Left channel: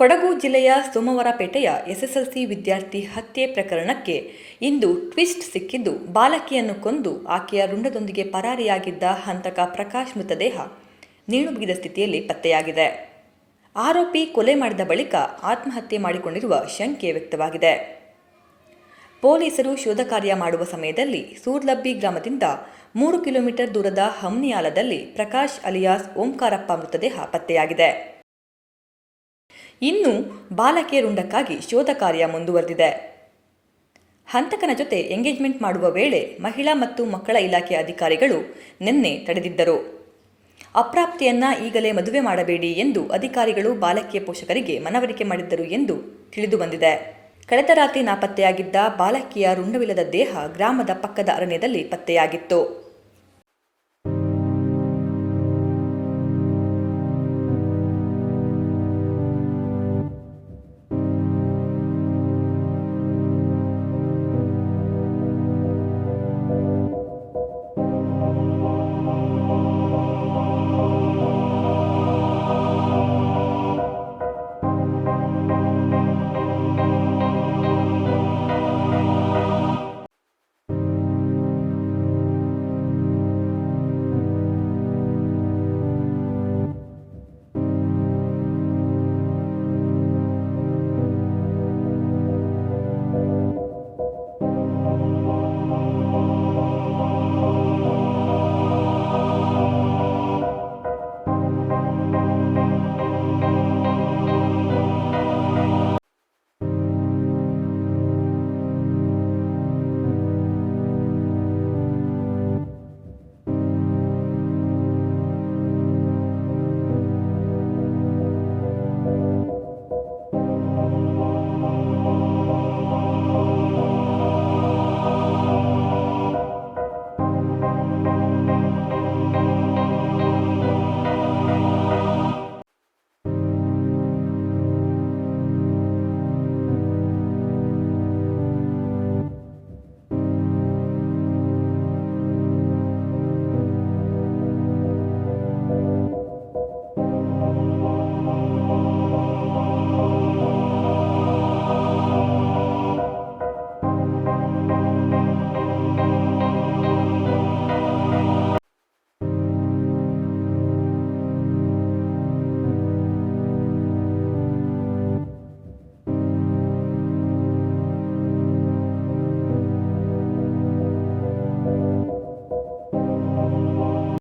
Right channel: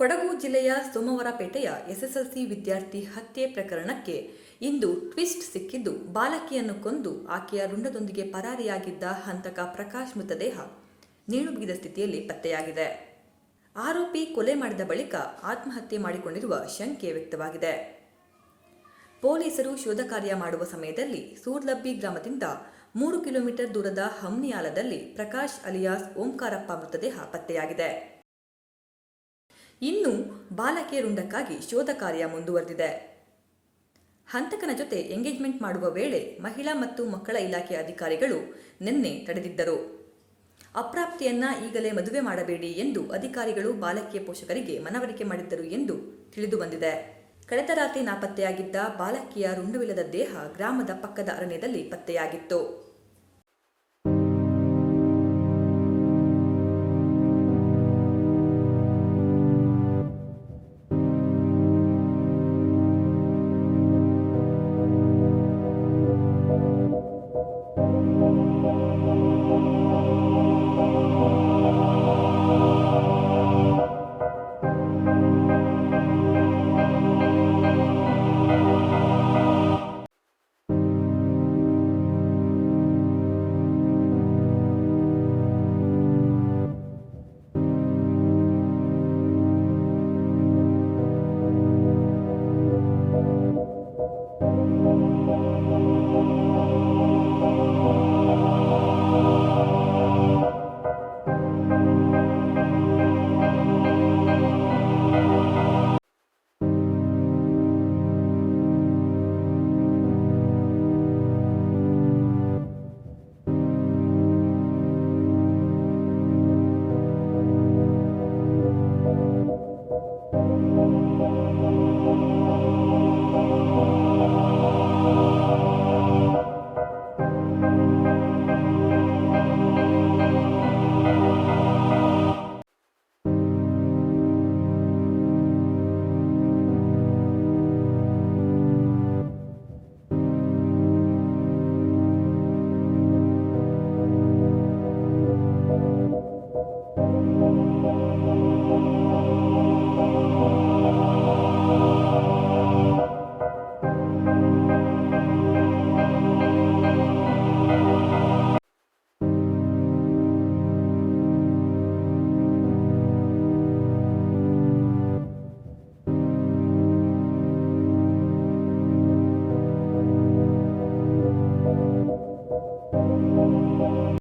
ಕೊಡಗು ಜಿಲ್ಲೆಯ ಸೋಮವಾರಪೇಟೆಯ ಎಸ್ಎಸ್ಎಲ್ಸಿ ವಿದ್ಯಾರ್ಥಿ ಹತ್ಯೆ ಪ್ರಕರಣಕ್ಕೆ ಇಂದು ಟ್ವಿಸ್ಟ್ ಸಿಕ್ಕಿದ್ದು, ಬಾಲಕಿಯನ್ನು ಕೊಂದು ಆಕೆಯ ರುಂಡದೊಂದಿಗೆ ಪರಾರಿಯಾಗಿದ್ದ ಹಂತಕ ಪ್ರಕಾಶ್ ಮೃತದೇಹ ನೇಣು ಬಿಗಿದ ಸ್ಥಿತಿಯಲ್ಲಿ ಪತ್ತೆಯಾಗಿದೆ. ಆರೋಪಿ ಕೊಲೆ ಮಾಡಿದ ಬಳಿಕ ಆತ್ಮಹತ್ಯೆ ಮಾಡಿಕೊಂಡಿರುವ ಶಂಕೆ ವ್ಯಕ್ತವಾಗಿದೆ. ಪೊಲೀಸರು ಶೋಧ ಕಾರ್ಯ ಮಾಡುವ ಸಮಯದಲ್ಲಿ ಸೂರ್ಲಬ್ಬಿ ಗ್ರಾಮದಿಂದ 3 ಕಿಲೋಮೀಟರ್ ದೂರದ ಹಮ್ನಿಯಾಲದಲ್ಲಿ ಪ್ರಕಾಶ್ ಅಲಿಯಾಸ್ ಓಂಕಾರಪ್ಪ ಮೃತದೇಹ ಪತ್ತೆಯಾಗಿದೆ. ಇನ್ನು ಬಾಲಕಿಯ ರುಂಡಕ್ಕಾಗಿ ಶೋಧ ಕಾರ್ಯ ಮುಂದುವರೆದಿದೆ. ಹಂತಕನ ಜೊತೆ ಎಂಗೇಜ್ಮೆಂಟ್ ಮಾಡುವ ವೇಳೆ ಮಹಿಳಾ ಮತ್ತು ಮಕ್ಕಳ ಇಲಾಖೆ ಅಧಿಕಾರಿಗಳು ನಿನ್ನೆ ತಡೆದಿದ್ದರು. ಅಪ್ರಾಪ್ತೆಯನ್ನ ಈಗಲೇ ಮದುವೆ ಮಾಡಬೇಡಿ ಎಂದು ಅಧಿಕಾರಿಗಳು ಬಾಲಕಿಯ ಪೋಷಕರಿಗೆ ಮನವರಿಕೆ ಮಾಡಿದ್ದರು ಎಂದು ತಿಳಿದುಬಂದಿದೆ. ಕಳೆದ ರಾತ್ರಿ ನಾಪತ್ತೆಯಾಗಿದ್ದ ಬಾಲಕಿಯ ರುಂಡವಿಲ್ಲದ ದೇಹ ಗ್ರಾಮದ ಪಕ್ಕದ ಅರಣ್ಯದಲ್ಲಿ ಪತ್ತೆಯಾಗಿತ್ತು.